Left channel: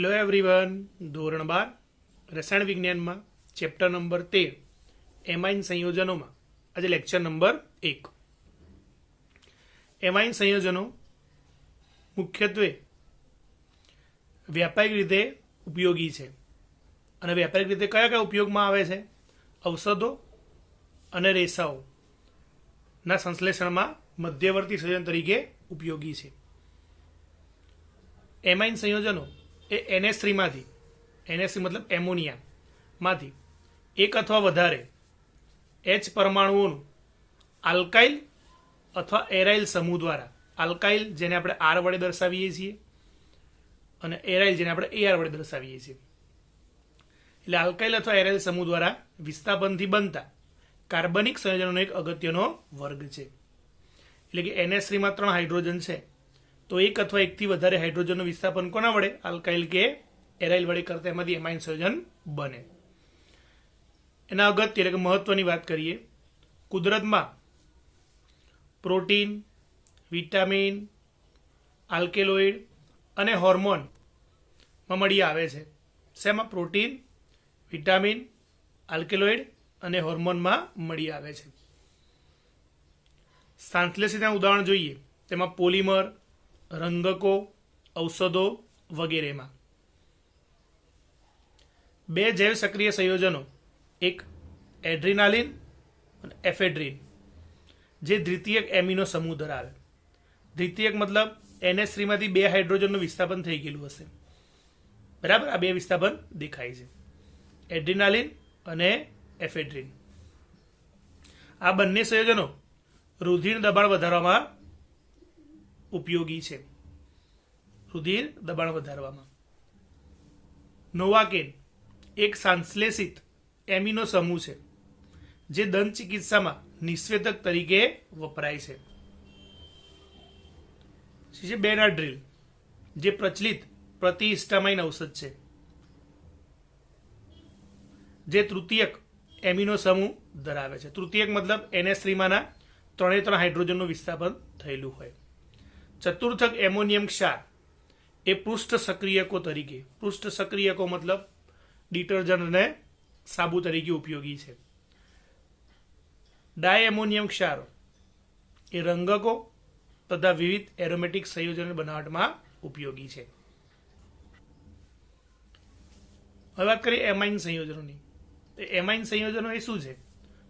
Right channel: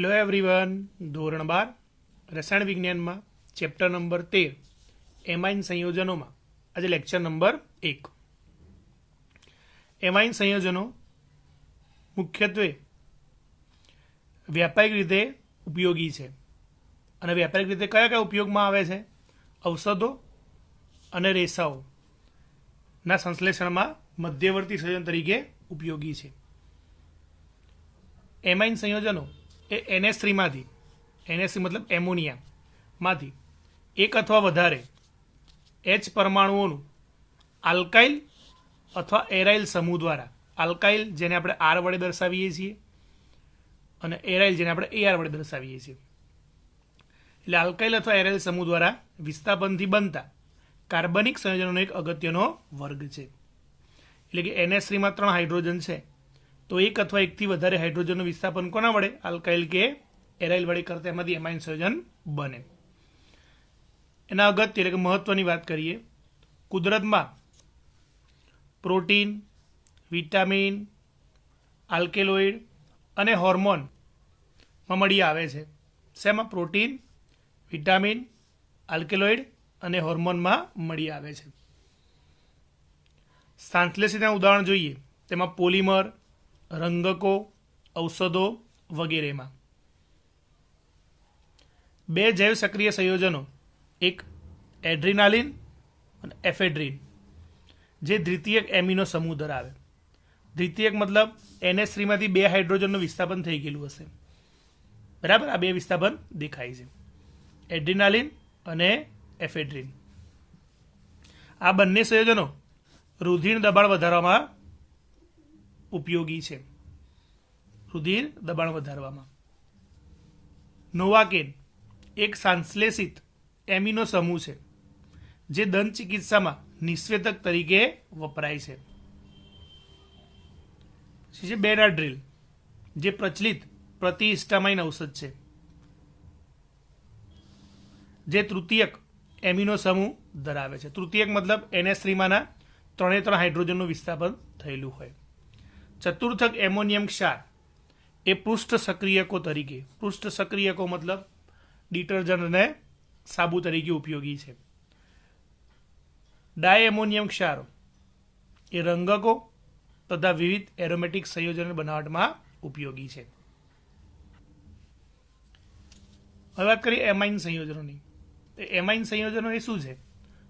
Hello everyone, ધોરણ 12 રસાયણ વિજ્ઞાનમાં ચેપ્ટર નંબર 13 એમાઇન સંયોજનોમાં આજે લેક્ચર નંબર 1। એમાઇન સંયોજનો મુખ્યત્વે વ્યાપક રીતે ઉપયોગી છે અને વ્યાપક રીતે કયા કયા ઉપયોગમાં આવે છે? ઔષધો અને રેસાઓના સંશ્લેષણમાં મધ્યવર્તી સંયોજન તરીકે ઉપયોગી છે। એમાઇન સંયોજનો એ NH3 માંથી, NH3 મતલબ એમોનિયામાંથી એક અથવા વધારે H પરમાણુઓનું આલ્કાઇલ અથવા એરાઇલ સમૂહ દ્વારા, આલ્કાઇલ જેને આપણે R વડે દર્શાવીએ છીએ અને એરાઇલ જેને આપણે AR વડે દર્શાવીએ છીએ, એટલે આલ્કાઇલ અથવા એરાઇલ સમૂહ દ્વારા વિસ્થાપનથી બનતા કાર્બનિક સંયોજનોનો એક અગત્યનો વર્ગ છે। એટલે કે NH3 માં 3 હાઇડ્રોજન છે તો એક અથવા એકથી વધારે હાઇડ્રોજનનું વિસ્થાપન કોના વડે, આલ્કાઇલ કે એરાઇલ વડે કરતા એમાંથી એમાઇન સંયોજન બને। એના અગત્ય એટલે કે મહત્વની વાત કરીએ, કુદરતમાં પ્રોટીન, વિટામિન, આલ્કેલોઇડ અને હોર્મોનમાં મળી આવે છે। શેમાં? પ્રોટીન, વિટામિન, આલ્કેલોઇડ અને હોર્મોનમાં મળી આવે છે। સંશ્લેષિતના ઉદાહરણ જોઈએ તેમાં પોલિમર, રંગકો, ઔષધો વગેરેમાં। બે જૈવ સક્રિય સંયોજનો, એક એડ્રીનાલિન અને એફેડ્રીન, જે દ્વિતીયક એમિનો સમૂહ ધરાવે। દ્વિતીયક મતલબ NH3 માંથી 2 હાઇડ્રોજનનું વિસ્થાપન થઈ ગયેલું હશે, બરાબર? આ 2 વિસ્થાપન દેખાય છે, એડ્રીનાલિન અને એફેડ્રીન। આ બંને સંયોજનો રુધિર દબાણ વધારવામાં ઉપયોગી છે, રુધિર દબાણ વધારવામાં। નોવાકેન એક સંશ્લેષિત એમિનો સમૂહ છે જે દંત ચિકિત્સામાં નિષેધક તરીકે વપરાય છે। બેનાડ્રીલ જે પ્રચલિત પ્રતિહિસ્ટામાઇન ઔષધ છે જે તૃતીયક એમિનો સમૂહ ધરાવે છે। તૃતીયક મતલબ NH3 માંના 3 હાઇડ્રોજનનું વિસ્થાપન થયેલું હોય। ચતુર્થક એમોનિયમ ક્ષાર એ પૃષ્ઠ સક્રિયકો તરીકે, પૃષ્ઠ સક્રિયકો મતલબ ડિટર્જન્ટ અને સાબુ તરીકે ઉપયોગી છે। ડાયએમોનિયમ ક્ષારો એ રંગકો તથા વિવિધ એરોમેટિક સંયોજન બનાવટમાં ઉપયોગી છે। હવે વાત કરીએ એમાઇન સંયોજનોની। એમાઇન સંયોજનો એ શું છે?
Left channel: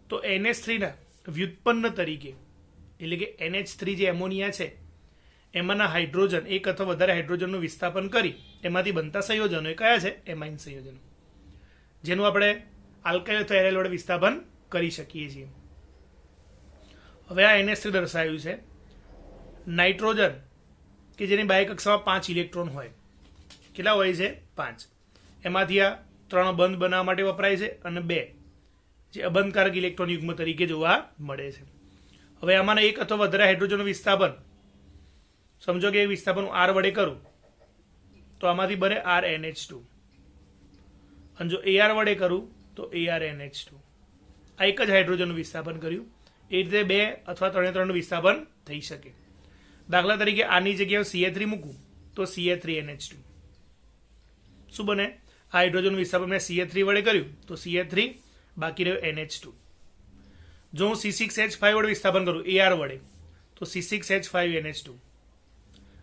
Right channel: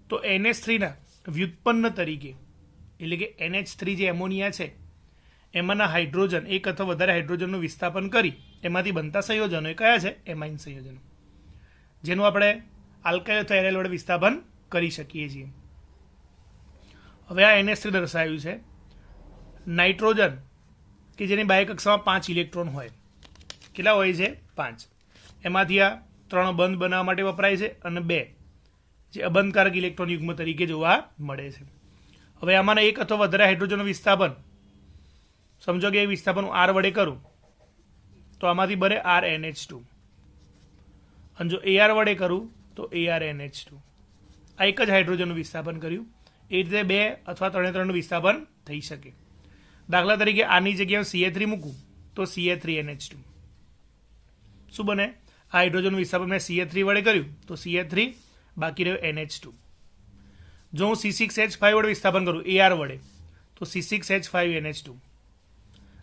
તો NH3 ના વ્યુત્પન્ન તરીકે, એટલે કે NH3 જે એમોનિયા છે એમાંના હાઇડ્રોજન, એક અથવા વધારે હાઇડ્રોજનનું વિસ્થાપન કરી એમાંથી બનતા સંયોજનો એ કયા છે? એમાઇન સંયોજનો, જેનું આપણે આલ્કાઇલ અથવા એરાઇલ વડે વિસ્થાપન કરી શકીએ છીએ। હવે આ NH3 દર્શાવ્યું છે। નાઇટ્રોજન કે જેની બાહ્ય કક્ષામાં 5 ઇલેક્ટ્રોન હોય, કેટલા હોય છે? 5। એમાંથી આ 3 બંધ બનાવવા માટે વપરાય છે અને 2 જે અબંધકારક ઇલેક્ટ્રોન યુગ્મ તરીકે જોવા મળે છે। હવે આમાંના એક અથવા વધારે હાઇડ્રોજનનું વિસ્થાપન, સમજો કે વિસ્થાપન હું R વડે કરું તો આમાંથી બને RNH2, અને જો AR વડે કરું તો ARNH2। આ એક જ હાઇડ્રોજનનું વિસ્થાપન કર્યું, એ રીતે 2 અથવા 3 વિસ્થાપન થઈ શકે। દાખલા તરીકે આની જગ્યાએ CH3 મૂકું તો CH3NH2 શું બને? આ હાઇડ્રોજનનું વિસ્થાપન મેં CH3 વડે કર્યું તો CH3, બાકી રહ્યો NH2। જો હું C6H5 વડે વિસ્થાપન કરું AR વડે તો C6H5NH2।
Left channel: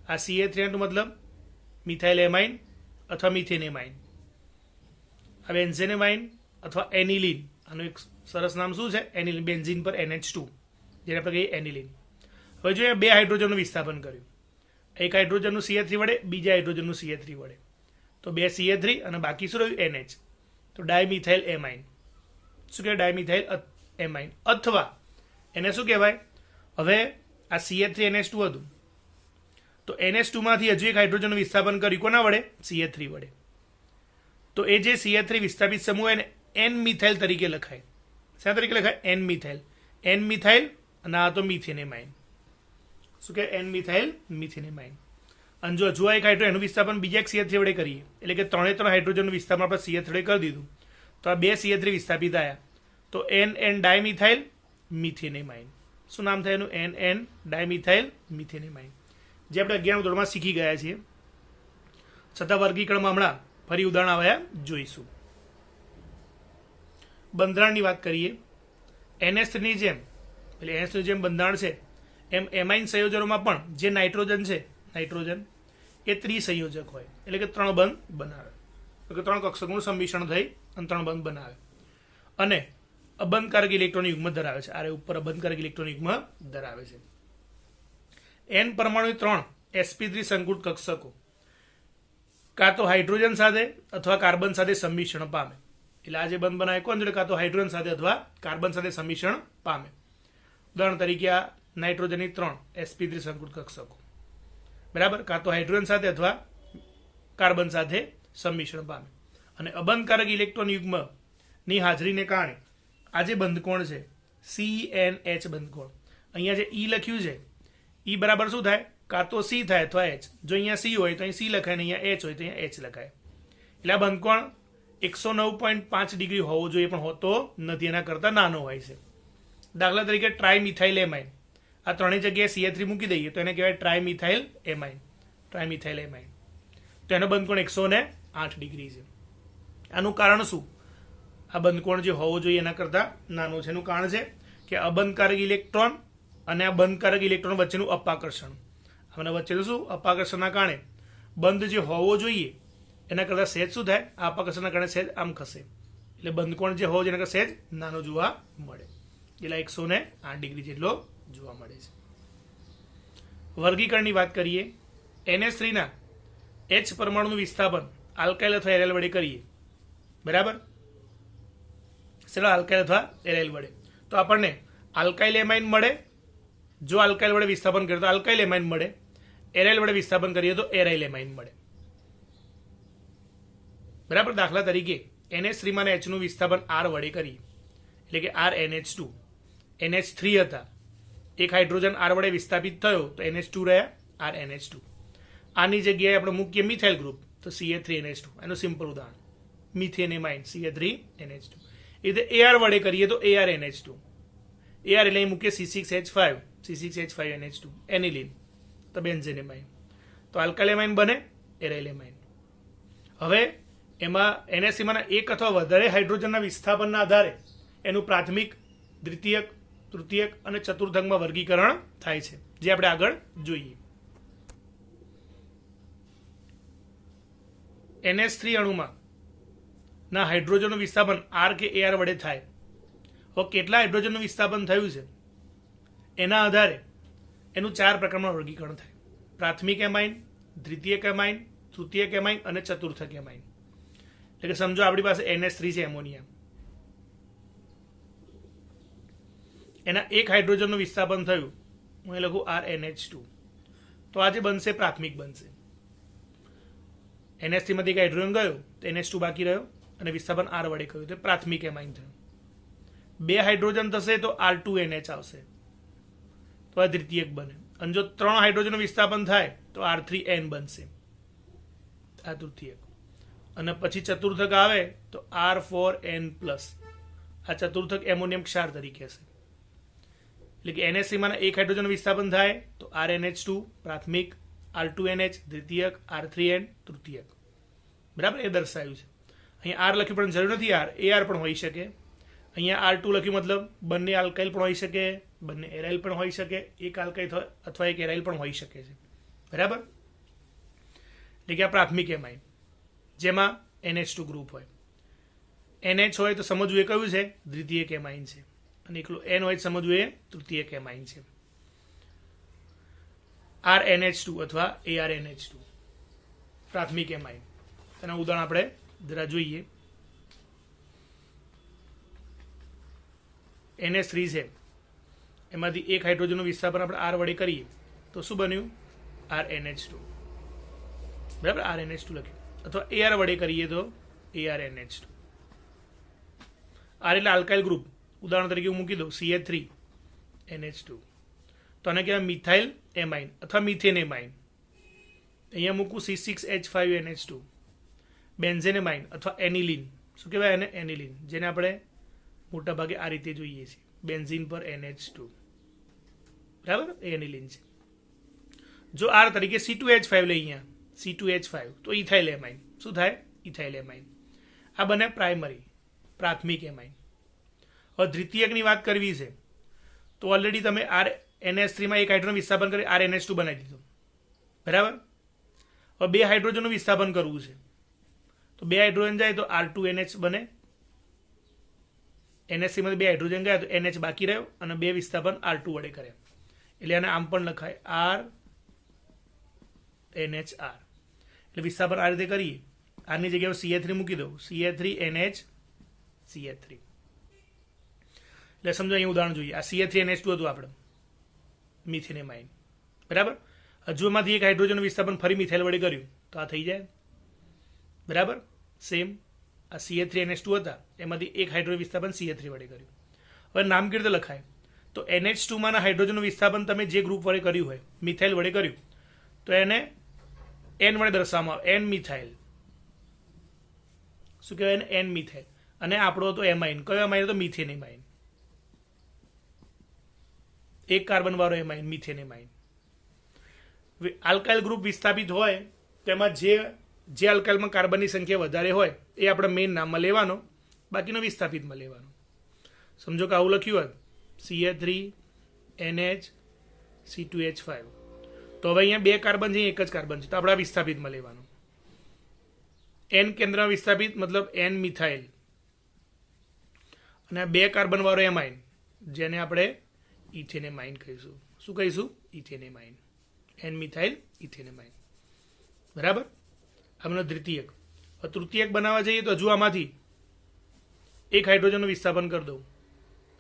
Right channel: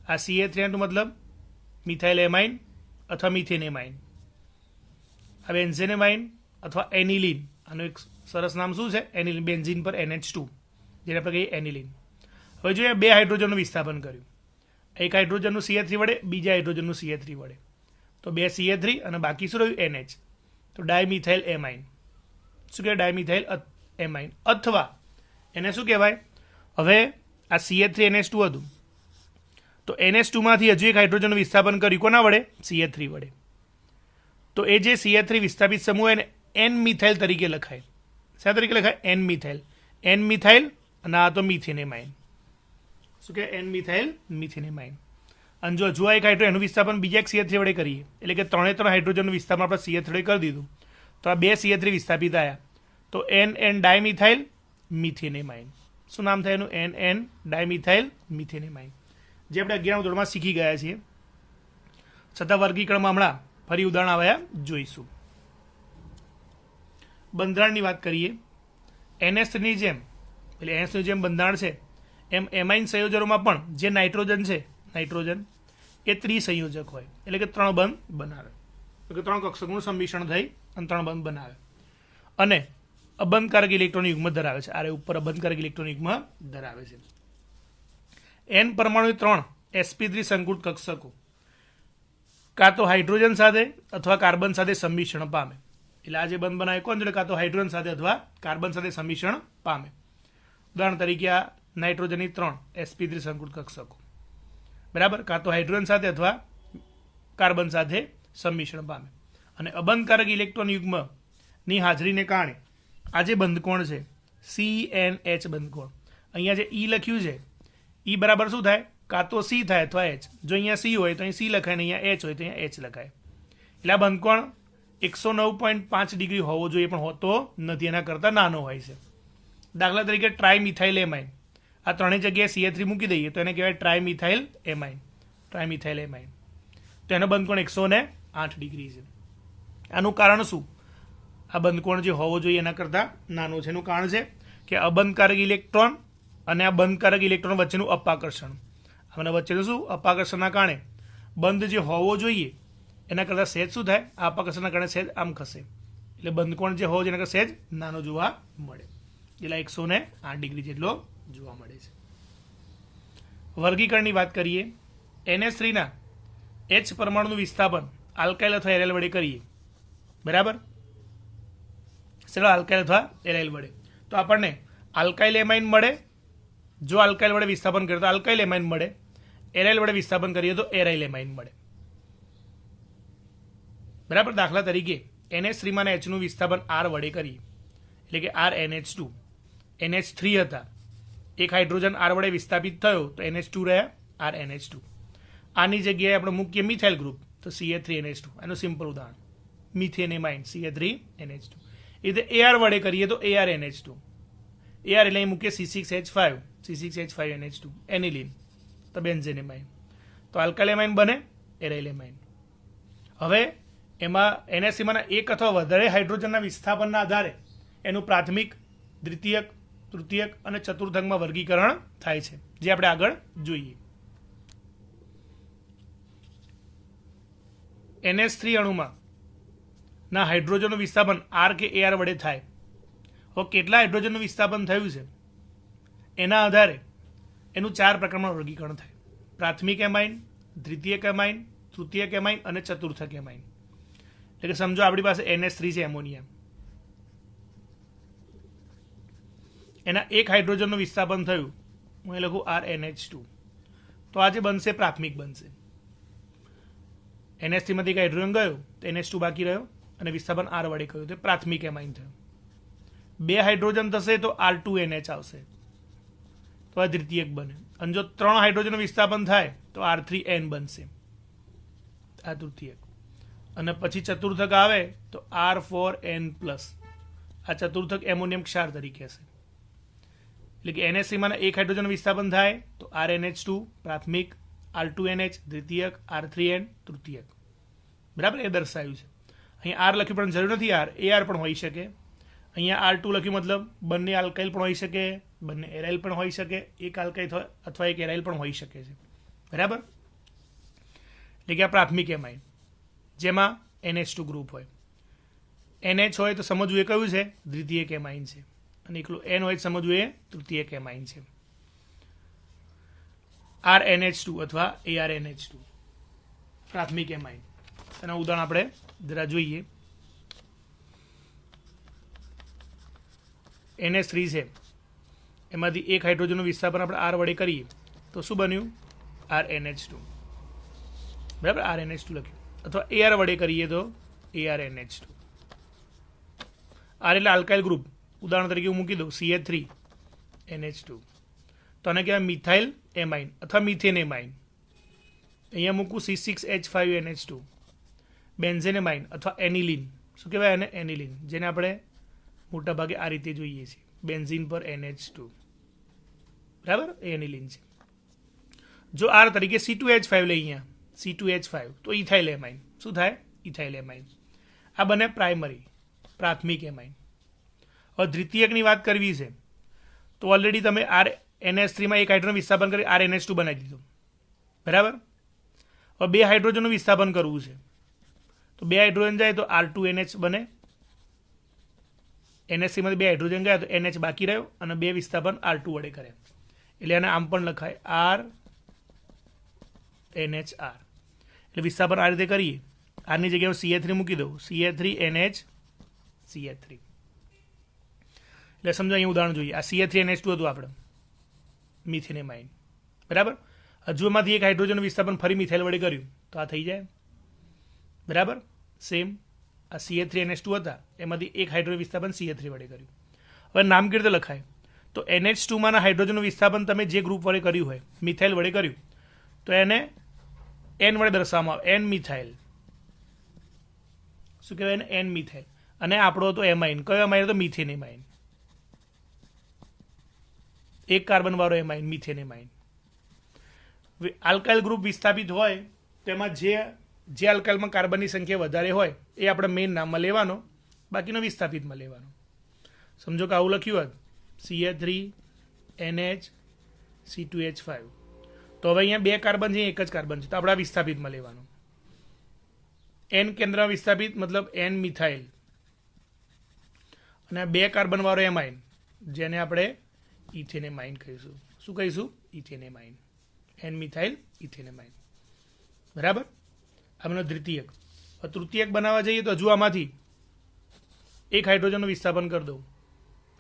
આ CH3 મતલબ મિથાઇલ એમાઇન અથવા મિથેન એમાઇન। આ બેન્ઝેન એમાઇન અથવા એનિલિન, આનું એક સરસ નામ શું છે? એનિલિન, બેન્ઝીન પર NH2 જેને આપણે કહીએ એનિલિન। હવે જો 2 હાઇડ્રોજનનું વિસ્થાપન કર્યું, એક હાઇડ્રોજનનું CH3 વડે, બીજા હાઇડ્રોજનનું CH3 વડે, તો 2 CH3 અને બાકી શું રહ્યું? NH, તો ડાયમિથાઇલ એમાઇન। શું કહેવાય? ડાયમિથાઇલ એમાઇન, અથવા એને શું કહેવાય? હવે આ CH3NH2 હતું તો NH2 માંથી હજુ એક હાઇડ્રોજનનું વિસ્થાપન કર્યું, કોના વડે? CH3 વડે, તો એ જે CH3 વિસ્થાપિત સમૂહ એને N મિથાઇલ તરીકે લખાય। શા તરીકે લખાય? N મિથાઇલ, N મિથાઇલ, અને આ તો મિથેન એમાઇન। શું કે N મિથાઇલ મિથેન એમાઇન। અને જો હજુ એક હાઇડ્રોજન એનું વિસ્થાપન બીજા એક CH3 વડે કરીએ, એટલે કે 3 હાઇડ્રોજનનું વિસ્થાપન આપણે CH3 વડે કરી દીધું તો આ 2 CH3 વિસ્થાપિત આવ્યા, તો NN ડાયમિથાઇલ મિથેન એમાઇન। શું નામ થાય એનું? NN ડાયમિથાઇલ મિથેન એમાઇન, જે આપણે 11મા ધોરણમાં શીખી ગયા છીએ। છતાં વર્ગીકરણમાં હમણાં ફરી ઉદાહરણ આવ્યા જોઈશું. બંધારણની વાત કરીએ. NH3ની જેમ એટલે NH3 જેમ બંધારણ છે એમ એમાઇન સંયોજનોમાં પણ જે નાઇટ્રોજન છે, નાઇટ્રોજન એ ત્રિસંયોજક હોય, એટલે કે 3 બંધ બનાવે, એટલે કે 3 કક્ષકોનું સંમિશ્રણ થઈ અને 3 બંધ બનાવે અને અબંધકારક ઇલેક્ટ્રોન યુગ્મ ધરાવે છે. આરે ઉપર અબંધકારક ઇલેક્ટ્રોન યુગ્મ ધરાવે છે. N પરમાણુ 3 sp3 સંકૃત કક્ષકો કાં તો હાઇડ્રોજન સાથે અથવા કાર્બન સાથે સંમિશ્રણ પામે. એટલે આ જે બંધ બનાવે કોણ જોડે? કાં તો હાઇડ્રોજન સાથે અથવા કાર્બન સાથે સંમિશ્રણ પામે. ઉદાહરણ તરીકે આ નાઇટ્રોજનની 3 sp3 સંકૃત કક્ષકો, બરાબર, કાં તો હાઇડ્રોજન સાથે અથવા કાર્બન સાથે સંમિશ્રણ પામે. અને અબંધકારક ઇલેક્ટ્રોન યુગ્મની હાજરીને કારણે આ જે બંધકોણ છે CNH બંધકોણ, અહીંયા જે E લખ્યું છે E બરાબર શું થાય? કાં તો C થાય અથવા H. જો અહીંયા C હોય તો અહીં C લખાય ને અહીંયા H હોય તો અહીંયા H લખાય. એટલે આ બંધકોણ 109.5 ડિગ્રી હોવો જોઈએ પણ હોતો નથી, એના કરતાં નાનો હોય છે. દાખલા તરીકે ટ્રાયમિથાઇલ એમાઇન, આ ત્રણેય જગ્યાએ CH3 મૂકી દઈએ તો એને કહેવાય ટ્રાયમિથાઇલ એમાઇન, ટ્રાયમિથાઇલ એમાઇન. તો એનો બંધકોણ 108 ડિગ્રી છે. આનું કારણ શું? આ બંધકોણ જે હોવો જોઈએ એના કરતાં નાનો છે. એનું કારણ છે કે અબંધકારક ઇલેક્ટ્રોન અને આ બંધકારક ઇલેક્ટ્રોન વચ્ચેનું અપાકર્ષણ, અને વચ્ચેનું શું? અપાકર્ષણના કારણે બંધ જે હોવો જોઈએ એના કરતાં સહેજ શું થાય? આ અપાકર્ષણના કારણે સહેજ આમ ખસે, એટલે બંધકોણ જે હોવો જોઈએ એના કરતાં સહેજ નાનો જોવા મળે, એટલે 108 ડિગ્રી જેટલો જોવા મળે છે. વર્ગીકરણની વાત કરીએ. NH3ના H પરમાણુનું વિસ્થાપન આલ્કાઇલ અથવા એરાઇલ વડે કરીએ, બરાબર, ચલો આલ્કાઇલ અથવા એરાઇલ વડે, તો આપણને આલ્કાઇલ એમાઇન મળે. જો આલ્કાઇલ વડે વિસ્થાપન કરીએ તો આલ્કાઇલ એમાઇન મળે, એરાઇલ વડે વિસ્થાપન કરીએ તો એરાઇલ એમાઇન મળે, બરાબર. દાખલા તરીકે NH3માં H નું વિસ્થાપન R વડે કરીએ, એટલે કે RNH2, NH3 હતા, એક હાઇડ્રોજન R વડે વિસ્થાપિત થયો તો NH2 રહ્યા, RNH2. આની જગ્યાએ આપણે મૂકીએ મિથાઇલ ગ્રુપ તો CH3NH2, એનું સિમ્પલ ઉદાહરણ મિથેન એમાઇન CH3NH2. એ રીતે AR વડે કરીએ તો ARNH2, AR એટલે અહીં મૂકીએ C6H5, C6H5NH2, એનિલિન, તો બેન્ઝેન એમાઇન. તો આલ્કાઇલ એમાઇન બને, એરાઇલ એમાઇન. હવે એમાં NH3માંના એક અથવા વધારે હાઇડ્રોજનના વિસ્થાપનના આધારે એનું પ્રાથમિક, દ્વિતીયક, તૃતીયક અને ચતુર્થકમાં વર્ગીકરણ થાય છે, જે આપણે આગળ જોઈએ. NH3 અણુમાં ના હાઇડ્રોજનનું વિસ્થાપન R કે AR વડે થાય. હવે કેટલા હાઇડ્રોજનનું વિસ્થાપન થયું છે એના આધારે એનું 4 પ્રકારમાં વર્ગીકરણ થાય: પ્રાથમિક એમાઇન, દ્વિતીયક એમાઇન, તૃતીયક એમાઇન અને ચતુર્થક એમાઇન. એટલે કે સમજો આપણી પાસે NH3 છે, એમોનિયા, એના એક હાઇડ્રોજનનું વિસ્થાપન થયું, હું એ લખું RNH2, તો આ જે બનશે પ્રાથમિક બનશે. NH3 માંથી એક હાઇડ્રોજન ગયો તો NH2 બાકી રહ્યો અને વિસ્થાપન R વડે કર્યું તો પ્રાથમિક એમાઇન થયું. 2 હાઇડ્રોજન થશે તો R2NH આવશે, તો આ દ્વિતીયક બને. અને જો 3 હાઇડ્રોજનનું વિસ્થાપન થાય તો R3N બનશે, આ તૃતીયક. અને પછી ચતુર્થક આવે તો R4N+, આ ચતુર્થક એમોનિયમ ક્ષાર તરીકે હશે. એટલે કે NH3 માં એક હાઇડ્રોજનનું વિસ્થાપન થાય તો RNH2 પ્રાથમિક, R2NH દ્વિતીયક, R3N તૃતીયક, બરાબર. એ દર્શાવ્યું છે. અહીંયા R લખ્યું પણ જરૂર નથી, AR પણ હોઈ શકે. અહીંયા R2 લખ્યું મતલબ બંને આલ્કાઇલ પણ હોઈ શકે, બંને એરાઇલ પણ હોઈ શકે, એક આલ્કાઇલ અથવા એક એરાઇલ પણ હોઈ શકે છે, બરાબર. એટલે કે આ પ્રાથમિક એમાઇન જેમાં NH2 ગ્રુપ હોય. NH હોય તો સમજવું એ કયું છે? દ્વિતીયક એમાઇન છે. અને એકલું N હોય સમજવું એ તૃતીયક એમાઇન છે. RNH2 અથવા ARNH2 પ્રાથમિક એમાઇન. તેના ઉદાહરણ આપણે જરા જોઈએ. NH3 છે, એમાંથી એક હાઇડ્રોજનનું વિસ્થાપન આપણે R વડે કરીએ તો શું બન્યું? RNH2, બરાબર. RNH2 લખ્યું. અથવા AR વડે કરીએ તો ARNH2. R એટલે આલ્કાઇલ ગ્રુપ, ઉદાહરણ તરીકે હું મૂકી દઉં CH3NH2, તો આને કહેવાય મિથાઇલ એમાઇન અથવા મિથેન એમાઇન. અહીંયા મૂકું C6H5NH2, બેન્ઝેન એમાઇન અથવા એનિલિન. શું કહેવાય એને? એનિલિન, જેને આપણે મોટા ભાગે આ રીતે જોઈએ છીએ, બેન્ઝીન પર NH2, બરાબર. એ એનિલિન છે. જો R તરીકે C2H5 લઈએ, અહીંયા C2H5 તો ઇથાઇલ એમાઇન શું થાય ઇથાઇલ એમાઇન આ બને પ્રાઇમરી પ્રાથમિક એમાઇન હવે દ્વિતીયકની વાત કરવી છે તો ઓલરેડી તમે RNH3 માં એક હાઇડ્રોજન વિસ્થાપન કરી RNH2 બનાવી દીધું બરાબર હવે બે હાઇડ્રોજનનું વિસ્થાપન કરવું છે તો બે હાઇડ્રોજન જાય તો R2NH બને NH3 માંથી બે હાઇડ્રોજન ગયા તો NH બાકી રહ્યો અને બે વિસ્થાપન R2 વડે કરે એટલે આને આમ પણ લખાય RNHR એટલે વિસ્થાપન આ રીતે કરીએ આરની જગ્યાએ CH3 મૂકી દઉં CH3NH CH3 એટલે સમજો અહીં ઉદાહરણ જોઈએ આ CH3NH2 હતું આપણે મિથેન એમાઇન બરાબર હજુ એમાંથી એક હાઇડ્રોજન વિસ્થાપન ફરી મિથાઇલ વડે કર્યું તો આ થઈ જાય બરાબર સેમ આ CH3NH2 હતા એમાંથી એક હાઇડ્રોજન વિસ્થાપન CH3 વડે કર્યું હવે નામ કેવી રીતે લખાય તો NH2 માંના હાઇડ્રોજનનું વિસ્થાપન તમે જે ગ્રુપ વડે કર્યું હોય મિથાઇલ વડે કર્યું તો એને N વડે દર્શાવવામાં આવે N મિથાઇલ શું કહેવાય N મિથાઇલ અને આપણો તો એમાઇન કયો એમાઇન તો મિથેન એમાઇન એક કાર્બન વાળો amine methane amine alkyl group વિસ્થાપિત હોય તેમાં જે આલ્કાઇલમાં કાર્બનની સંખ્યા વધારે હોય એ આપણે મેઇન નામમાં લેવાનો બાકીનો વિસ્થાપિતમાં લેવાનો સમજો કે આવું લખ્યું હોત CH3NH C2H5 તો હવે અહીંયા બે કાર્બન છે એક જ કાર્બન છે તો આપણે વિસ્થાપિતમાં લેવાનું N કેન્દ્ર વિસ્થાપિત મતલબ N મિથાઇલ અને બે કાર્બન વાળો એમાઇન જેને આપણે ઇથેનેમાઇન કહીશું શું કહીશું ઇથેનેમાઇન N મિથાઇલ ઇથેનેમાઇન બરાબર આમનો દ્વિતીયક તૃતીયક બનાવવા જઈએ તો હજુ આમાંથી એક હાઇડ્રોજનનું વિસ્થાપન કરી દઉં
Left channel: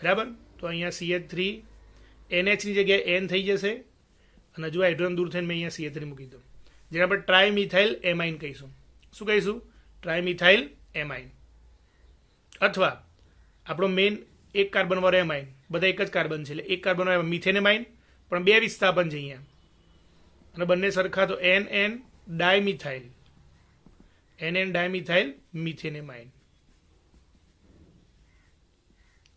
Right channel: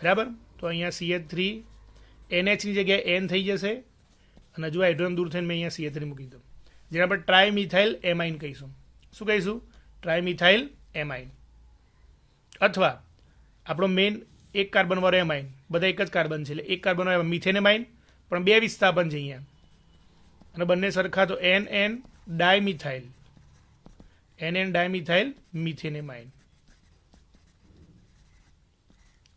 બરાબર તો અહીંયા CH3NH ની જગ્યાએ N થઈ જશે અને હજુ હાઇડ્રોજન દૂર થઈને મેં અહીંયા CH3 મૂકી દઉં જેને આપણે ટ્રાઇમિથાઇલ એમાઇન કહીશું શું કહીશું ટ્રાઇમિથાઇલ એમાઇન અથવા આપણો મેઇન એક કાર્બન વાળો એમાઇન બધા એક જ કાર્બન છે એટલે એક કાર્બન વાળો મિથેન એમાઇન પણ બે વિસ્થાપન છે અહીંયા અને બંને સરખા તો NN dimethyl NN dimethyl methane amine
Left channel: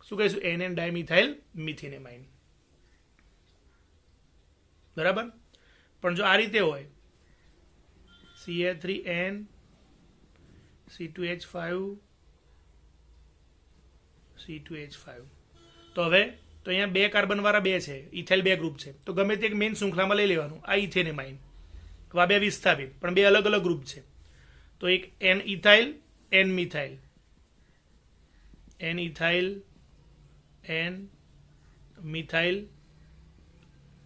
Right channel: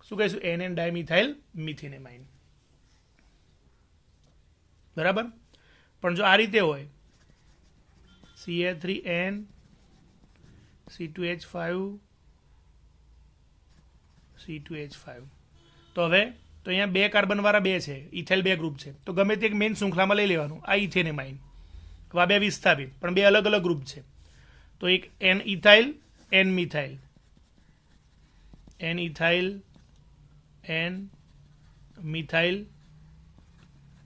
શું કહીશું NN ડાયમિથાઇલ મિથેન એમાઇન બરાબર પણ જો આ રીતે હોય CH3N C2H5 C2H5 તો હવે તો અહીંયા બે કાર્બન વાળા બે છે ઇથાઇલ બે ગ્રુપ છે તો ગમે તે એક મેઇન શૃંખલામાં લઈ લેવાનું આ ઇથેનેમાઇન આ બે વિસ્થાપિત પણ બે અલગ અલગ ગ્રુપ છે તો એક N ethyl N methyl N ethyl N methyl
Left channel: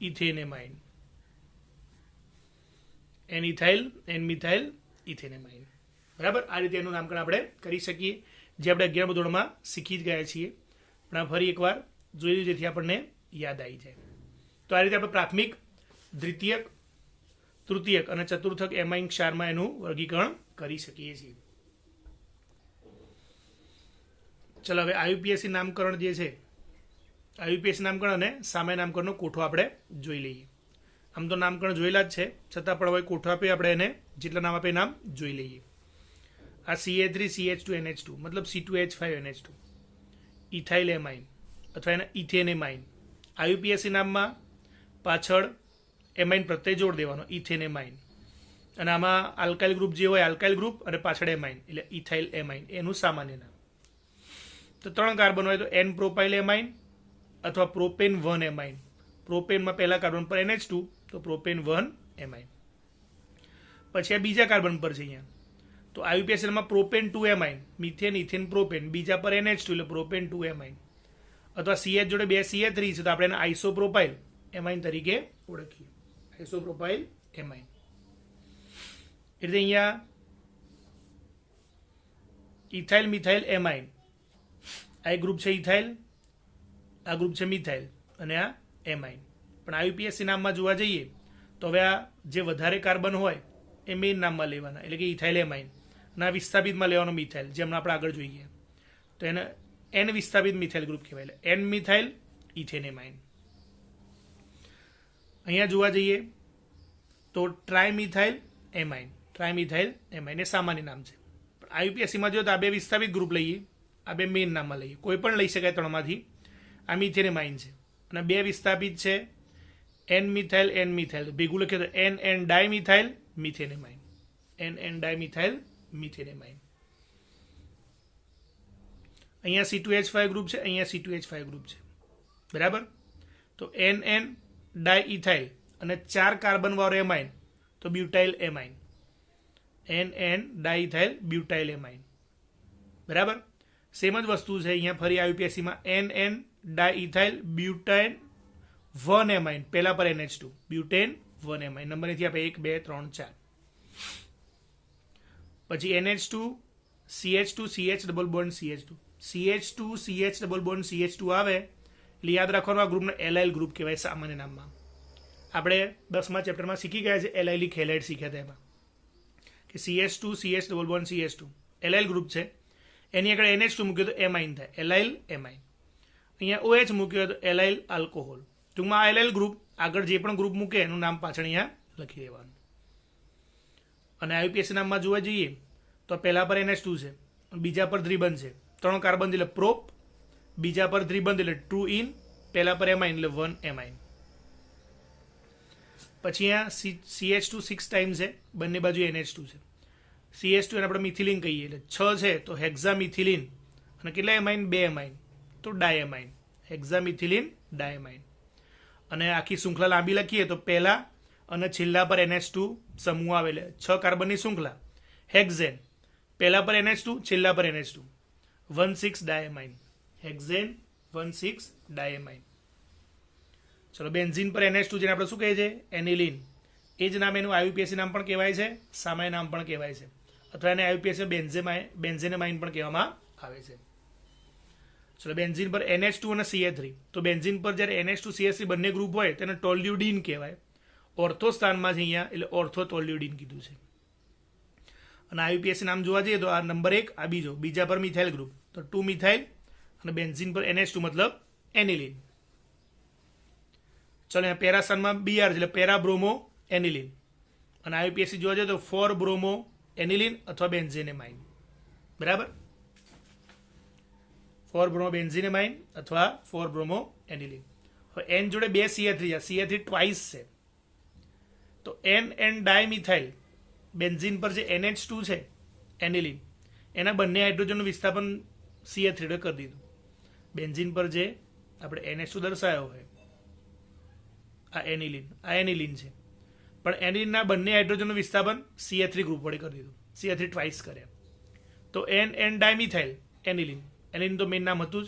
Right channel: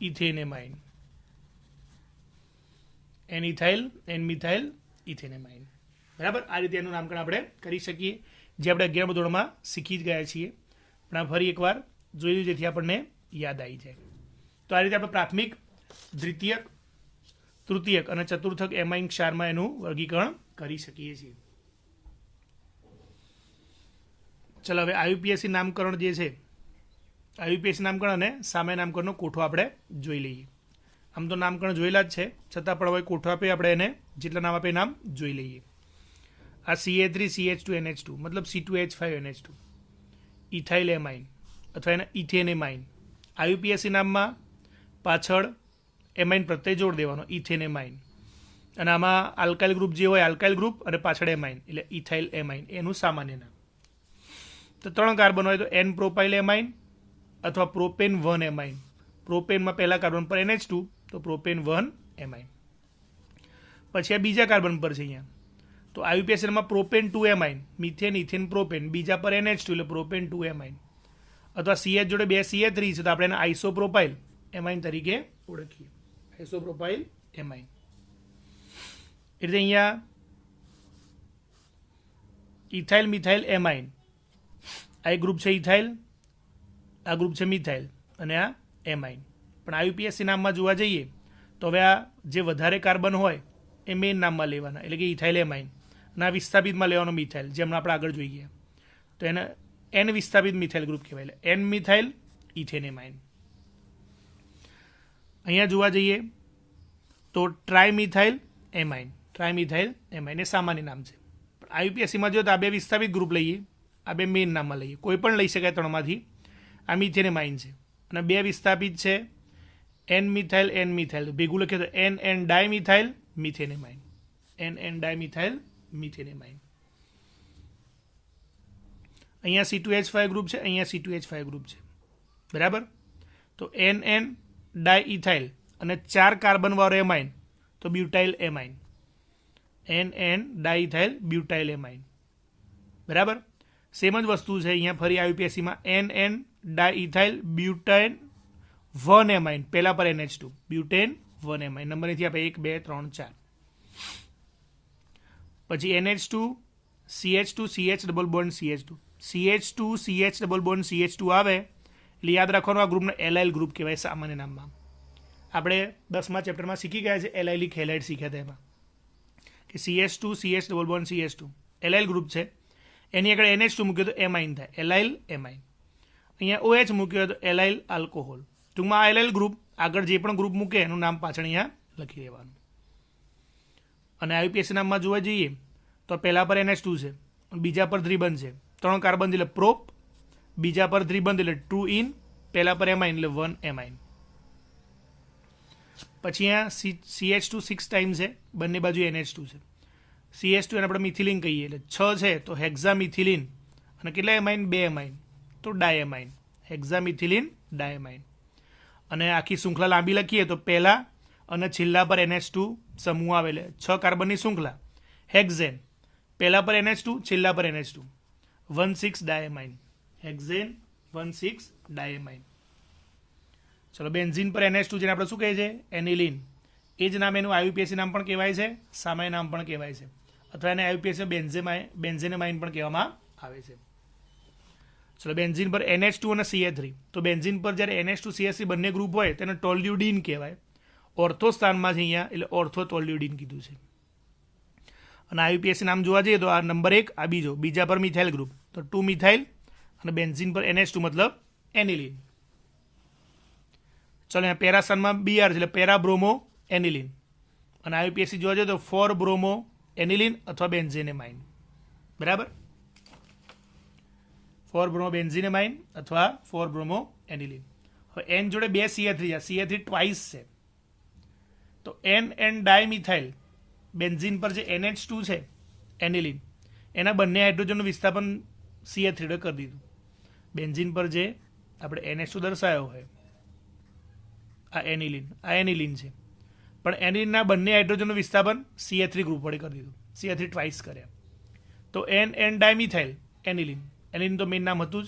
ethanamine N ethyl N methyl ethanamine બરાબર આ રીતે એનું નામકરણ આપણે કરી શકીએ જે આપણે 11મા ધોરણમાં શીખી જ ગયા છીએ પણ આ ફરી એકવાર જોયું જેથી આપણને યાદ આવી જાય તો આ રીતે આપણે પ્રાથમિક દ્વિતીયક તૃતીયક અને ચતુર્થક એમાઇન ક્ષારમાં એનું વર્ગીકરણ કરી શકીએ છીએ ચલો હવે IUPAC નામકરણ જે છે IUPAC નામકરણ અને સામે નામકરણનો કોઠો આપણે જોઈ લઈએ આમ તો નામકરણ જોયેલા જ છે છતાં પણ હવે કોઠો આપે આપણે એને જેટલા નામ આપે નામ જોઈ લઈએ આ CH3CH2NH2 મતલબ C2H5NH2 ઇથાઇલ એમાઇન અથવા એને ઇથેન એમાઇન IUPAC નામમાં પાછળ એમાઇન પ્રત્યય જોડ દેવાનો ઇથેન એમાઇન અને આમાં આલ્કાઇલ ગ્રુપ જે હોય આલ્કાઇલ ગ્રુપ અને પાછળ એમાઇન એટલે ઇથાઇલ એમાઇન એનું સામાન્ય નામ તો ત્રણ કાર્બન હોય તો N પ્રોપાઇલ એમાઇન અથવા પ્રોપેન 1 એમાઇન પ્રોપેનમાં પહેલા કાર્બન પર NH2 તો પ્રોપેન 1 એમાઇન પછી આ બીજા કાર્બન પર છે અહીંયા તો IUPAC માં propane 2 amine methane ethane propane બીજા પર NH2 એટલે પ્રોપેન 2 એમાઇન અથવા CH જોડે બે CH3 છે તો આપણે એને આઇસોપ્રોપાઇલ એમાઇન તરીકે ઓળખીએ આઇસોપ્રોપાઇલ એમાઇન એટલે અહીંયા ઇથાઇલ મિથાઇલ એમાઇન આ એક ગ્રુપ છે ઇથાઇલ આ ગ્રુપ છે મિથાઇલ અને આ એમાઇન પણ IUPAC નામમાં જોવા જઈએ તો હવે આ જે વધારે કાર્બન હોય એ મેઇન નામમાં લેવાના એટલે કે ઇથાઇલ એમાઇન ના વિસ્થાપિતમાં લેવાનો મિથાઇલ જેમ આપણે આગળ જોઈએ તો એને N વિસ્થાપિત મિથાઇલ ગ્રુપ કહેવાય એટલે N મિથાઇલ ઇથેન એમાઇન અહીંયા જોવા જઈએ તો ટ્રાઇમિથાઇલ એમાઇન એ સામાન્ય નામ છે પણ IUPACમાં જો તો આ બે વિસ્થાપિત ગ્રુપ લઈએ આ બે મેઇન નામમાં લઈએ કોઈ પણ લઈ શકાય ત્રણમાંથી આ મિથેન એમાઇન છે અને બે વિસ્થાપિત છે N મિથાઇલ ભેગું લખીએ તો N dimethyl methane amine NN dimethyl methane amine. અહીંયા C2H5 ગ્રુપ છે, અહીંયા C2H5 ગ્રુપ છે, બરાબર. તો NN ડાયઇથાઇલ અને 4 કાર્બન વાળો એમાઇન તો butyl amine. NN diethyl butyl amine, બરાબર. સેમ જ વસ્તુ છે અહીંયા ફરી IUPACમાં NN ડાયઇથાઇલ બ્યુટાઇન 1 એમાઇન, પહેલા પર NH2 બ્યુટેન 1 એમાઇન. નંબર નથી આપણે 1 2 3 4. પછી NH2 CH2 CH double bond CH2 CH2 CH double bond CH2 આવે એટલે યાદ રાખવાનું આ ગ્રુપનો એલાઇલ ગ્રુપ કહેવાય સામાન્ય નામમાં. આપણે 10મા ચેપ્ટરમાં શીખી ગયા છે એલાઇલિક હેલાઇડ શીખ્યા હતા એમાં કે CH2 CH double bond CH2 allyl group છે. એની આગળ NH2 મૂક્યો તો એમાઇન થાય, એલાઇલ એમાઇન. અહીંયા OH મૂક્યો તો એલાઇલ આલ્કોહોલ. ટૂંકમાં આ એલાઇલ ગ્રુપ આગળ જે પણ ગ્રુપ મૂકે એનું નામ પાછળ અહીંયા લખી દેવાનું. અને IUPAC નામમાં જોવા જઈએ તો પહેલા પર NH2 છે, બીજા પર દ્વિબંધ છે, 3 કાર્બન એટલે પ્રોપ, બીજા પર દ્વિબંધ એટલે 2 ઇન, પહેલા પર એમાઇન એટલે 1 એમાઇન. પછી અહીંયા CH2 6 ટાઈમ છે, બંને બાજુ NH2 છે. CH2 એને આપણે મિથિલિન કહીએ એટલે 6 છે તો હેક્ઝામિથિલિન, અને કેટલા એમાઇન 2 એમાઇન તો ડાયએમાઇન, હેક્ઝામિથિલિન ડાયએમાઇન. અને આખી શૃંખલા લાંબી લખીએ તો પહેલા અને છેલ્લા પર NH2 સમૂહ આવે એટલે 6 કાર્બનની શૃંખલા હેક્ઝેન, પહેલા પર NH2 છેલ્લા પર NH2 1,6 ડાયએમાઇન, હેક્ઝેન 1,6 ડાયએમાઇન. ચલો બેન્ઝીન પર NH2 જેને આપણે શું કહીએ છીએ એનિલિન, એ જ નામ એનું IUPAC નામ પણ કહેવાય છે, સામાન્ય નામ પણ કહેવાય છે, અથવા એને IUPAC બેન્ઝેનેમાઇન પણ કહેવામાં આવે છે. ચલો બેન્ઝીન પર NH2 અને CH3, તો બેન્ઝીન પર જ્યારે NH2 CH3 બંને ગ્રુપ હોય તેને ટોલ્યુડીન કહેવાય. ઓર્થો સ્થાનમાં છે અહીંયા એટલે ઓર્થો ટોલ્યુડીન કીધું છે. અને IUPAC નામ જોવા જઈએ તો આ નંબર 1 આ બીજા પર મિથાઇલ ગ્રુપ તો 2 મિથાઇલ, અને બેન્ઝીન પર NH2 મતલબ એનિલિન. ચલો અહીંયા પેરા સ્થાનમાં BR છે એટલે પેરા બ્રોમો એનિલિન. અને IUPAC જોવા જઈએ તો 4 બ્રોમો એનિલિન અથવા બેન્ઝેનેમાઇન, બરાબર. 4 બ્રોમો બેન્ઝીનેમાઇન અથવા 4 બ્રોમો એનિલિન. હવે N જોડે 2 CH3 છે, CH3 ટ્વાઇસ છે, તો NN ડાયમિથાઇલ બેન્ઝીન પર જે NH2 છે એનિલિન, એના બંને હાઇડ્રોજનનું વિસ્થાપન CH3 કરી દીધું. બેન્ઝીન પર જે આપણે NH2 દર્શાવ્યો હોય આ એનિલિન છે, પણ એનિલિનના બંને હાઇડ્રોજનનું વિસ્થાપન CH3 ગ્રુપ વડે કરી દીધું, CH3 ટ્વાઇસ કર્યા. તો NN ડાયમિથાઇલ એનિલિન તો મેઇન નામ હતું જ.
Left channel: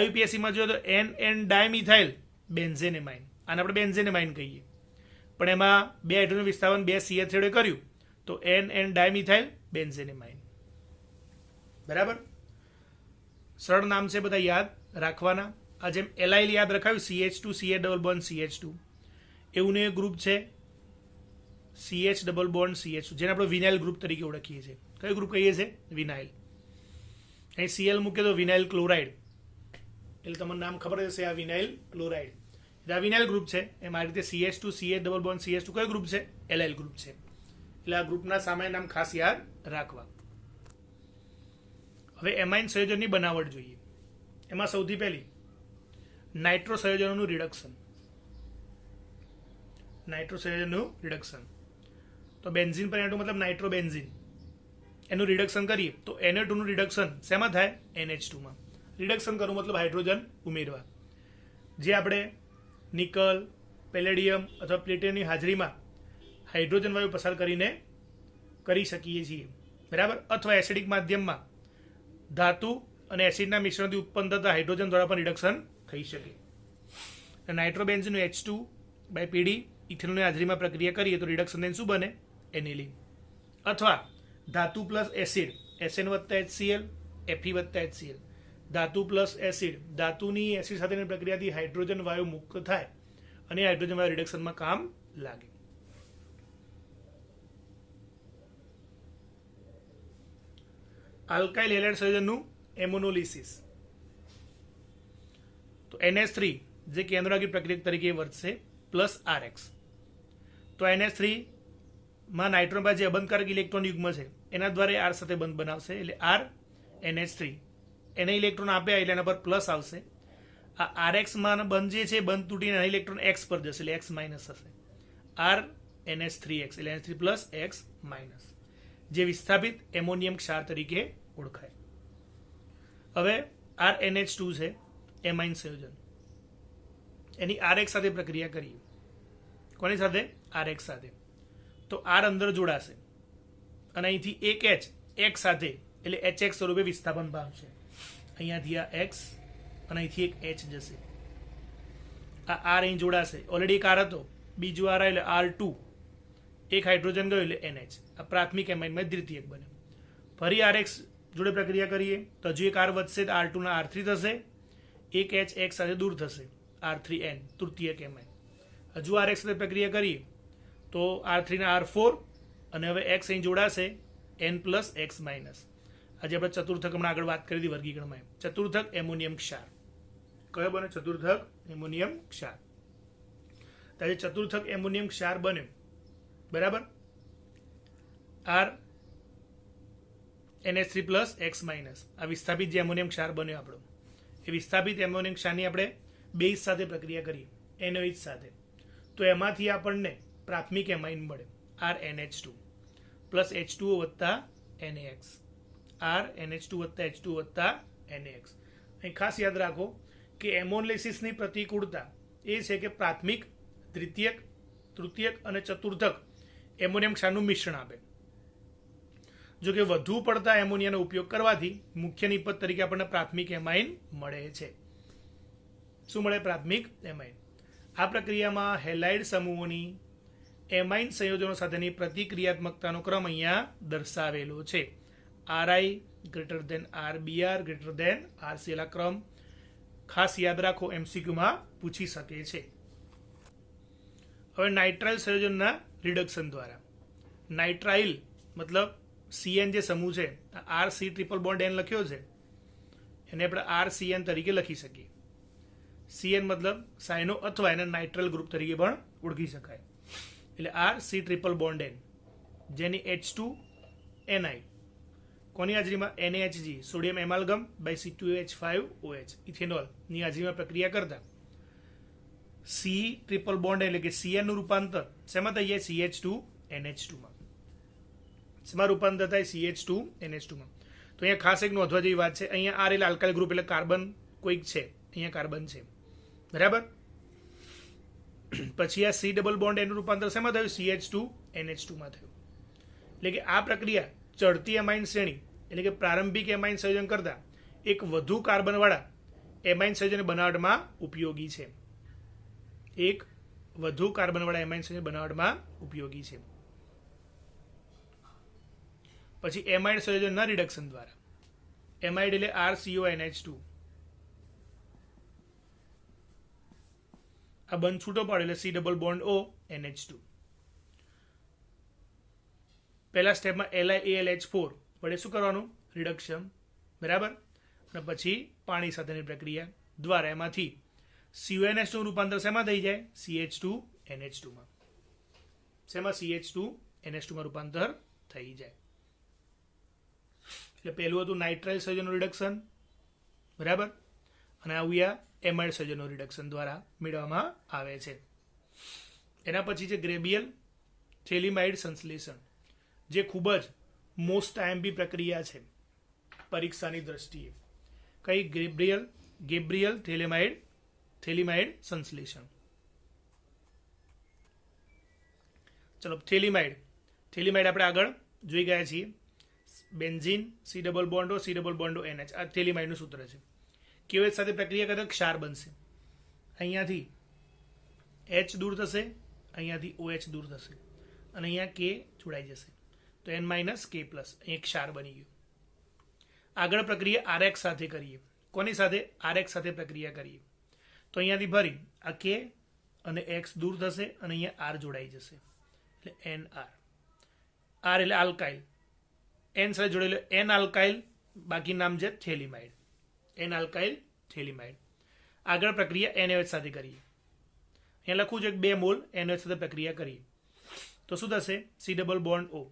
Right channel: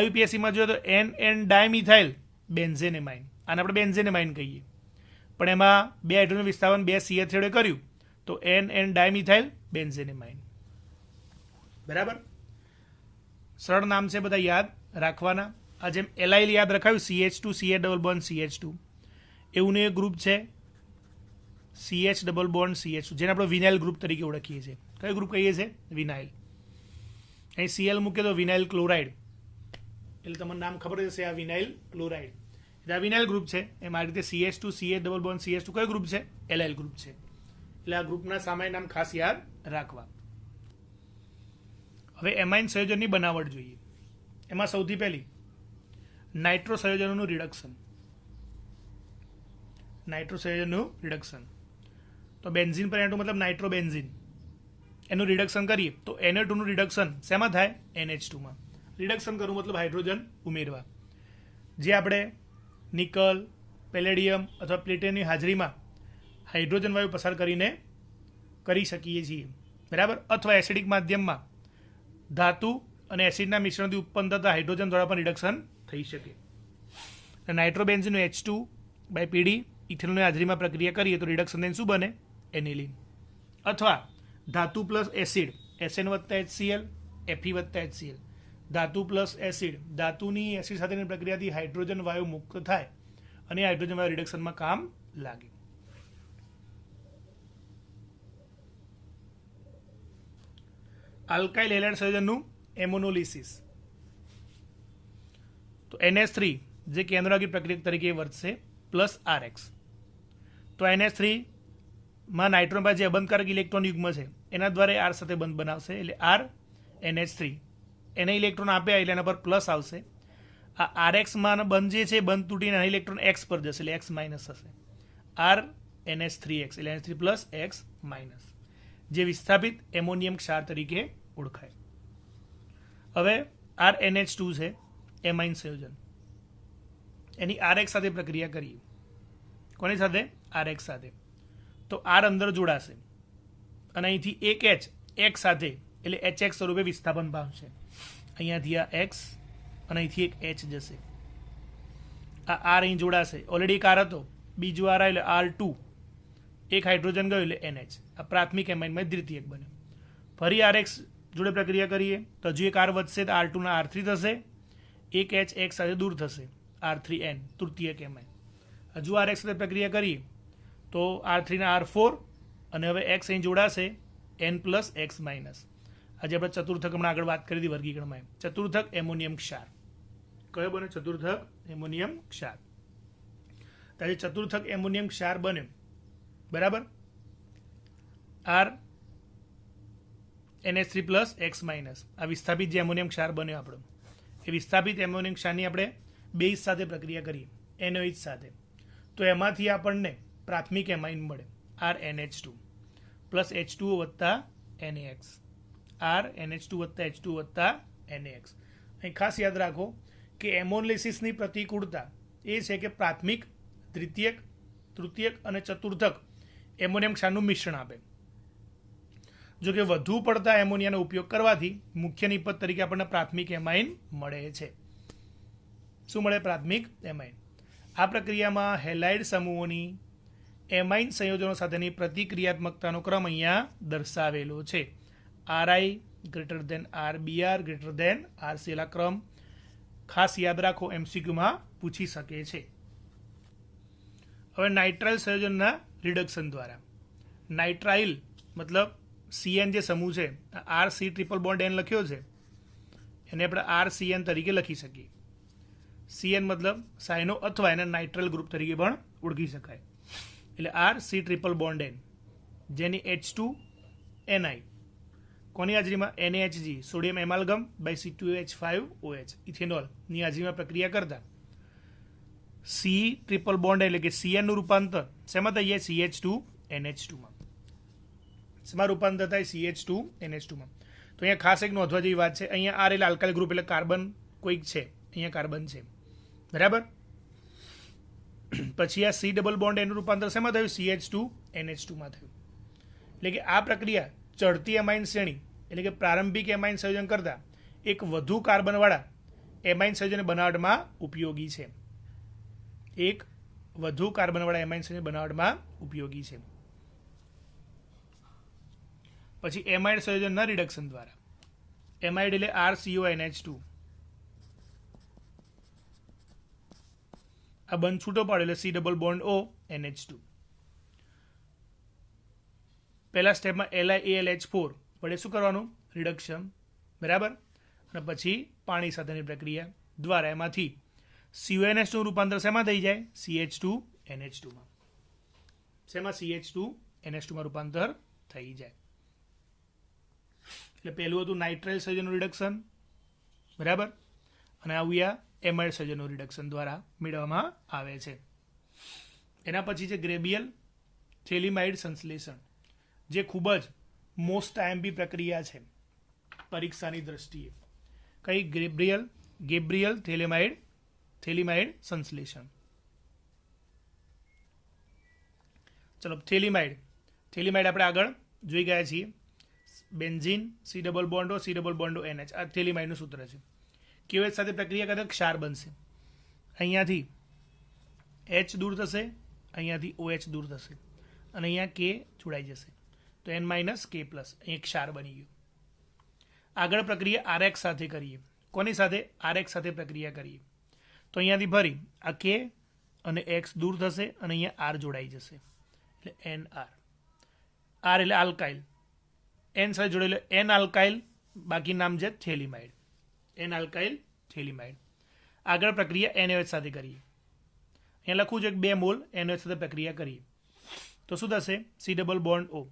IUPACમાં જોઈએ તો NN ડાયમિથાઇલ બેન્ઝેનેમાઇન, આને આપણે બેન્ઝેનેમાઇન કહીએ, પણ એમાં 2 હાઇડ્રોજનનું વિસ્થાપન 2 CH3 વડે કર્યું તો NN ડાયમિથાઇલ બેન્ઝેનેમાઇન, બરાબર. સરળ નામ છે, બધા યાદ રાખવાના. આ જેમ એલાઇલ યાદ રખાયું CH2 CH double bond CH2, એવું એક ગ્રુપ છે CH ડબલ બોન્ડ CH2 જેને આપણે વિનાઇલ ગ્રુપ તરીકે ઓળખીએ છીએ. કયો ગ્રુપ કહીએ છીએ વિનાઇલ. અહીં Cl મૂકે તો વિનાઇલ ક્લોરાઇડ, એટલે તમને નામ ખબર હશે આ વિનાઇલ ક્લોરાઇડ. એટલે આ વિનાઇલ ગ્રુપ છે. એમ આ રીતે CH2 CH double bond CH2 કયો ગ્રુપ છે એલાઇલ ગ્રુપ છે. એટલે આ ગ્રુપના સામાન્ય નામ ખાસ યાદ રાખવા. હવે એમાઇન સંયોજનની બનાવટ જોઈએ. એમાં સૌથી પહેલી નાઇટ્રો સંયોજનોનું રિડક્શન. તો બેન્ઝીન પર N2 મતલબ નાઇટ્રોબેન્ઝીન, એનું રિડક્શન કરીએ તો Na2 નું રિડક્શન શેમાં થાય NH2 માં. રિડક્શન કરવું મતલબ હાઇડ્રોજન ઉમેરવા. જે આપણે નિકલ, પેલેડિયમ અથવા પ્લેટિનમની હાજરીમાં હાઇડ્રોજન વાયુ પસાર કરીને કરી શકીએ છીએ, બરાબર. અથવા એસિડિક માધ્યમમાં ધાતુ અને એસિડના મિશ્રણથી ઉત્પન્ન થતા હાઇડ્રોજન દ્વારા પણ રિડક્શન થઈ શકે. નાઇટ્રોબેન્ઝીનનું H2/PD ઇથેનોલની હાજરીમાં પ્રક્રિયા કરીએ તો રિડક્શન શું બને એનિલિન. અથવા ધાતુ પ્લસ એસિડ SN વત્તા HCl Fe વત્તા HCl, ધાતુ પ્લસ એસિડ, ધાતુની એસિડ સાથેની પ્રક્રિયાથી હાઇડ્રોજન વાયુ મુક્ત થાય અને હાઇડ્રોજન વાયુ રિડક્શનમાં કામ લાગે. આલ્કાઇલ હેલાઇડ સંયોજનનું એમોનોલિસિસ. તો NH3 જે કેન્દ્રવાહી પ્રક્રિયા તરીકે વર્તશે પ્લસ RX. તો NH3 માં નાઇટ્રોજન પાસે જે અબંધકારક ઇલેક્ટ્રોન યુગ્મ છે એના દ્વારા R સાથે બંધ બનાવશે એટલે R NH3 એને ઇલેક્ટ્રોન આપ્યા એટલે એના પર પ્લસ આવશે. આ RX માં બંધ જે છે બંધ તૂટીને ઇલેક્ટ્રોન X પર જશે એટલે X માઇનસ થશે. R NH3X એટલે NH3 પ્લસ X માઇનસ, જે વિસ્થાપિત એમોનિયમ ક્ષાર તરીકે ઓળખાય. હવે RNH2 છે એમાઇન સંયોજન, એની RX સાથે પ્રક્રિયા કરીએ. કોની સાથે? RX સાથે. તો R અંદર જોડાશે અને અહીંથી એક H X સાથે એટલે HX સ્વરૂપે વિસ્થાપન પામશે. અહીંયાથી આ X અને અહીંથી એક H જશે. આ R અહીં જોડાશે. ઓલરેડી એક R હતો, બીજું R એટલે R2, એક હાઇડ્રોજન ગયો એટલે NH. આ પ્રાથમિક એમાઇનમાં દ્વિતીયક બને. ફરી RX જોડે પ્રક્રિયા કરીએ તો હજુ એક R વધશે, તો R2 ના R3 થશે. એક H X સાથે દૂર થશે, R3N તૃતીયક એમાઇન. હજુ RX સાથે પ્રક્રિયા કરીએ તો R3 ના R4 અને હવે X અહીં જોડાશે N પ્લસ X માઇનસ. આજે આપણે ચતુર્થક હમણાં આગળ વાત કરી હતી વર્ગીકરણમાં. ચતુર્થક એમોનિયમ ક્ષાર કયો બને? ચતુર્થક એમોનિયમ ક્ષાર. આજે ચતુર્થક એમોનિયમ ક્ષાર બને, બરાબર. R NH3 plus X minus, આ વિસ્થાપિત જે એમોનિયમ ક્ષાર બન્યો આપણો, એ વિસ્થાપિત એમોનિયમ ક્ષારની આપણે બેઝ સાથે પ્રક્રિયા કરીએ, NOH સાથે, તો એમાંથી આપણને પ્રાથમિક એમાઇન મળે RNH2 પ્લસ H2O વત્તા NaX. RNH2 વત્તા H2O વત્તા NaX. અહીં ખાસ યાદ રાખો કે એમોલિસિસની પ્રતિકૂળતા એ છે કે પ્રાથમિક, દ્વિતીયક, તૃતીયક અને ચતુર્થક એમોનિયમ ક્ષારનું મિશ્રણ આપે. જો કે વધુ પડતા એમોનિયાનો ઉપયોગ કરવાથી મુખ્ય નિપજ તરીકે આપણને પ્રાથમિક એમાઇન મળે છે. શું મળે? પ્રાથમિક એમાઇન. આ પ્રક્રિયામાં હેલાઇડ સમૂહોની એમાઇન સંયોજનો સાથેની પ્રતિક્રિયાત્મકતાનો ક્રમ અહીંયા દર્શાવેલો છે. RI greater than RBr greater than RC. આ ક્રમ ખાસ યાદ રાખો, MCQમાં પૂછી શકે છે. હવે નાઇટ્રાઇલ સંયોજનના રિડક્શન દ્વારા, નાઇટ્રાઇલ મતલબ CN જે સમૂહ છે, RC ટ્રિપલ બોન્ડ N લખ્યો છે, એને આપણે RCN તરીકે લખી શકીએ. CN મતલબ સાયનો અથવા એને નાઇટ્રલ ગ્રુપ તરીકે પણ ઓળખી શકાય. એટલે RC ટ્રિપલ બોન્ડ N, જેની H2NI કોની હાજરીમાં? NaHG sodium amalgam by C2H5OH ethanol ની હાજરીમાં પ્રક્રિયા કરતા C ટ્રિપલ બોન્ડ એટલે કે CN નું રૂપાંતર શેમાં થઈ જાય? CH2NH2 માં. શેમાં રૂપાંતર થાય? CH2NH2 માં. તો અહીંયા ખાસ એક નોંધવા જેવી વાત છે, અહીંયા R એટલે આલ્કાઇલ ગ્રુપ એટલે કાર્બન કોઈક છે, અહીંયા કાર્બન છે, બરાબર. પછી આ C ડબલ બોન્ડ એનું રૂપાંતર શેમાં થયું? CH2NH2 માં થયું. એટલે કે આ પ્રક્રિયા ચડતી એમાઇન શ્રેણી એટલે કે પ્રારંભિક એમાઇન સંયોજન કરતા એક વધુ કાર્બનવાળા એમાઇન સંયોજન બનાવટમાં ઉપયોગી છે. એક વધુ કાર્બનવાળા એમાઇન સંયોજન બનાવટમાં ઉપયોગી છે. પછી એમાઇડ સંયોજનના રિડક્શન દ્વારા, એમાઇડ એટલે RCONH2, આ બંધ છૂટો પાડ્યો એટલે C double bond O NH2. પહેલા સ્ટેપમાં LiAlH4 વડે શું કરવાનું? રિડક્શન, બરાબર. અને પછી પાણી સાથેની પ્રક્રિયા દ્વારા એમાંથી CONH2 નું રૂપાંતર શેમાં થઈ જાય? CH2NH2 માં. શેમાં? CH2NH2 માં રૂપાંતર થઈ જાય. એટલે પહેલું હતું નાઇટ્રાઇલ સંયોજનનું રિડક્શન, બરાબર, અને આવ્યા એમાઇડ સંયોજનનું રિડક્શન દ્વારા મેળવવામાં આવે છે. એના પછી છે ગ્રેબિયલ થેલિમાઇડ સંશ્લેષણ, જે ખૂબ જ મોસ્ટ આઈએમપી પ્રક્રિયા છે પરીક્ષાની દ્રષ્ટિએ. કઈ? ગેબ્રિયલ થેલિમાઇડ સંશ્લેષણ. ચલો, થેલિમાઇડ આપણે આગળ જોઈ ગયા છીએ. બેન્ઝીન C ડબલ બોન્ડો C ડબલ બોન્ડો NH, આ થેલિમાઇડનું સૂત્ર છે. કેવેચ સાથે પ્રક્રિયા કરતા ક્ષાર બનશે. અહીંયાથી H દૂર થશે, અહીંયાથી OH દૂર થશે અને અહીંયા K જોડાઈ જશે, તો N માઇનસ K પ્લસ, અહીં ક્ષાર બની ગયું. આગળ પ્રક્રિયા RX સાથે કરીએ. કોની સાથે? RX સાથે પ્રક્રિયા કરીએ તો અહીંયાથી ફરી આ K અને X દૂર થશે અને અહીંયા R જોડાઈ જશે એટલે NR. R એટલે આલ્કાઇલ, N સાથે જોડેલો N આલ્કાઇલ, બાકી નામ છે થેલિમાઇડ, N આલ્કાઇલ થેલિમાઇડ. આગળ પ્રક્રિયા NaOH સાથે કરીએ. અહીં લખવું છે 2 મોલ NaOH સાથે પ્રક્રિયા કરીએ તો શું થશે? C ડબલ બોન્ડ O,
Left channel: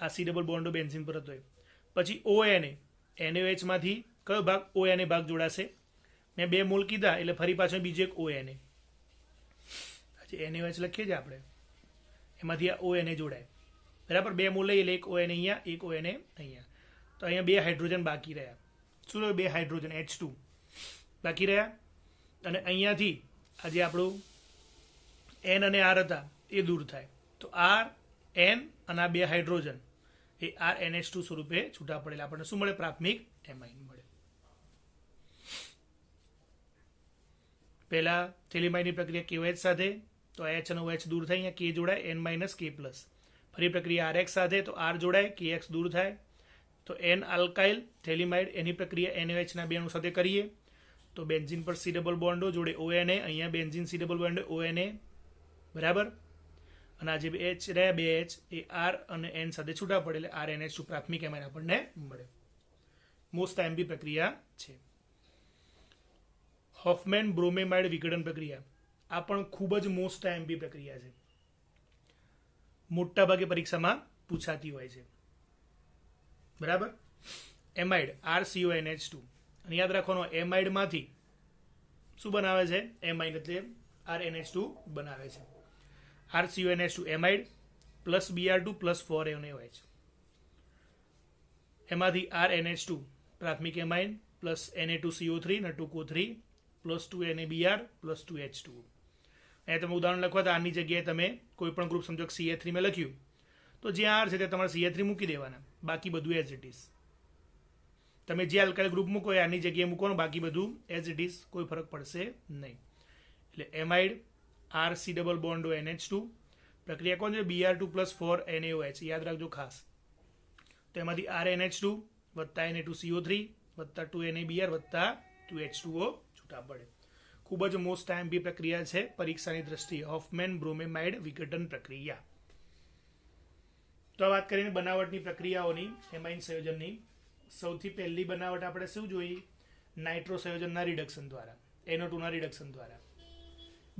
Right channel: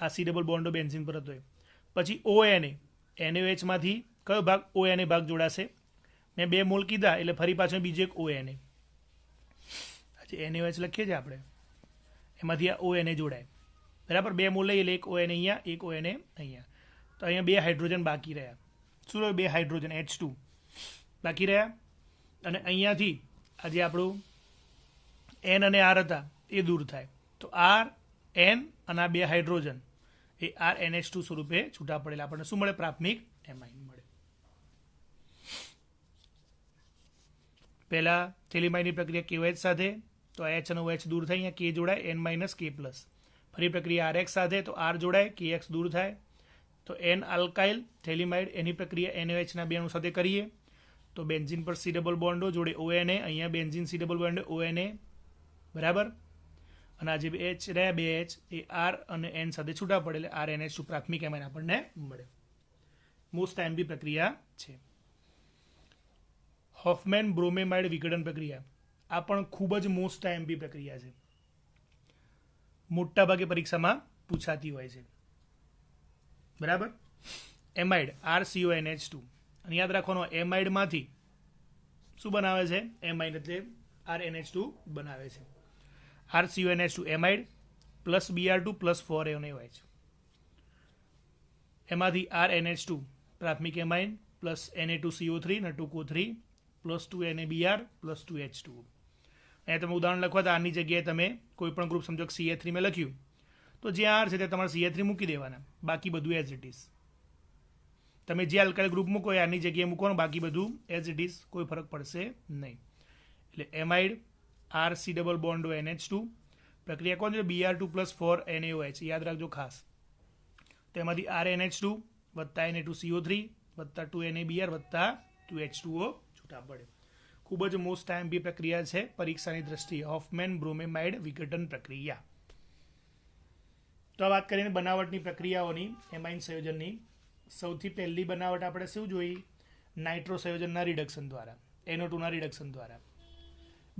આ C double bond O benzene પર હતો. પછી ONA, NaOH માંથી કયો ભાગ? ONA ભાગ જોડાશે. મેં 2 મોલ કીધા એટલે ફરી પાછળ બીજો એક ONA, NaOH લખીએ છીએ આપણે, એમાંથી આ ONA જોડાય. બરાબર, 2 મોલ લઈએ એટલે એક ON અહીંયા, એક ON અહીંયા. તો અહીંયા 2 હાઇડ્રોજન બાકી રહ્યા. શું થયું? 2 હાઇડ્રોજન H2 બાકી રહ્યા. અને અહીંયાથી આ જે આપણું N અને R હતા એ દૂર થાય. તો R, N અને આ 2 હાઇડ્રોજન એ RNH2 સ્વરૂપે છૂટા પડેલા આપણને શું મળે? પ્રાથમિક એમાઇન મળે. પહેલા થેલિમાઇનની પ્રક્રિયા KOH સાથે, તો H અને OH દૂર થાય, અહીંયા K જોડાય, N - K+. ફરી પ્રક્રિયા RX સાથે, તો R જોડાય, KX દૂર થાય. તો N આલ્કાઇલ થેલિમાઇડ એની પ્રક્રિયા NaOH ના 2 અણુ સાથે કરીએ તો બેન્ઝીન પર C ડબલ બોન્ડો જોડે ONA, અહીંયા benzene C double bond ONA, બરાબર. અને આ જે H રહ્યા 2H એ R અને N સાથે છૂટા પડે એટલે RNH2 પ્રાથમિક એમાઇન આપણને મળે. મોસ્ટ આઈએમપી પ્રક્રિયા છે. હોફમેન બ્રોમેમાઇડ વિઘટન પ્રક્રિયા, આ પણ ખૂબ જ મોસ્ટ આઈએમપી પ્રક્રિયા છે. મોટા ભાગે પરીક્ષામાં પૂછાતી હોય છે, બરાબર. એમાઇડ RCONH2, અને યાદ રાખવાનો એમાઇડમાંથી શું બનાવે છે? એમાઇડ એટલે RNH2 બનાવે છે. RCONH2 amide plus Br2 plus 4NaOH, એમાંથી RNH2 પ્રાથમિક એમાઇન પ્લસ Na2CO3 અને 2CO3 plus 2NaBr plus 2H2. અહીંયા તમે ઉદાહરણ લખવા તો આની જગ્યાએ તમે કોઈ પણ ગ્રુપ સમજો CH3 મેં લખ્યું તો જ્યાં R છે ત્યાં તમારે CH3 મૂકી દેવાના, બાકી બધું એઝ ઇટ ઇઝ. તમે જે આલ્કાઇલ ગ્રુપ મૂકો એ આની જગ્યાએ મૂકવાનું, બાકી બધું એઝ ઇટ ઇઝ, કોઈ ફરક પડશે નહીં. એટલે amide RC double bond NH2 પ્રક્રિયા કોણ છે? Br2 પ્લસ 4NaOH, યાદ રાખજો ખાસ. તો એમાંથી RNH2 વત્તા Na2CO3 વત્તા 2NaBr વત્તા 2H2O છૂટા પડે. ખૂબ જ મોસ્ટ આઈએમપી પ્રક્રિયા છે પરીક્ષાની દ્રષ્ટિએ, હોફમેન બ્રોમેમાઇડ વિઘટન પ્રક્રિયા. તો આ વાત કરીને બનાવટની પ્રક્રિયાઓની, એમાઇન સંયોજનની. સૌથી પહેલી બનાવટ આપણે શું જોઈ? નાઇટ્રો સંયોજનના રિડક્શન દ્વારા, NO2 ના રિડક્શન દ્વારા.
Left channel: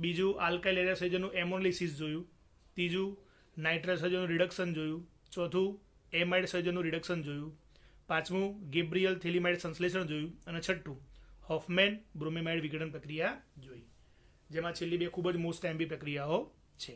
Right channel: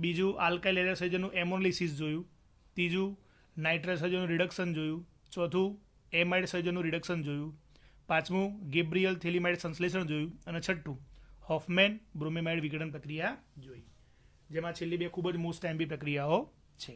બીજું આલ્કાઇલ એરે સંયોજનનું એમોનલિસિસ જોયું. ત્રીજું નાઇટ્રસ સંયોજનનું રિડક્શન જોયું. ચોથું એમાઇડ સંયોજનનું રિડક્શન જોયું. પાંચમું ગેબ્રિયલ થેલિમાઇડ સંશ્લેષણ જોયું. અને છઠ્ઠું હોફમેન બ્રોમેમાઇડ વિઘટન પ્રક્રિયા જોઈ, જેમાં છેલ્લી 2 ખૂબ જ મોસ્ટ આઈએમપી પ્રક્રિયાઓ છે.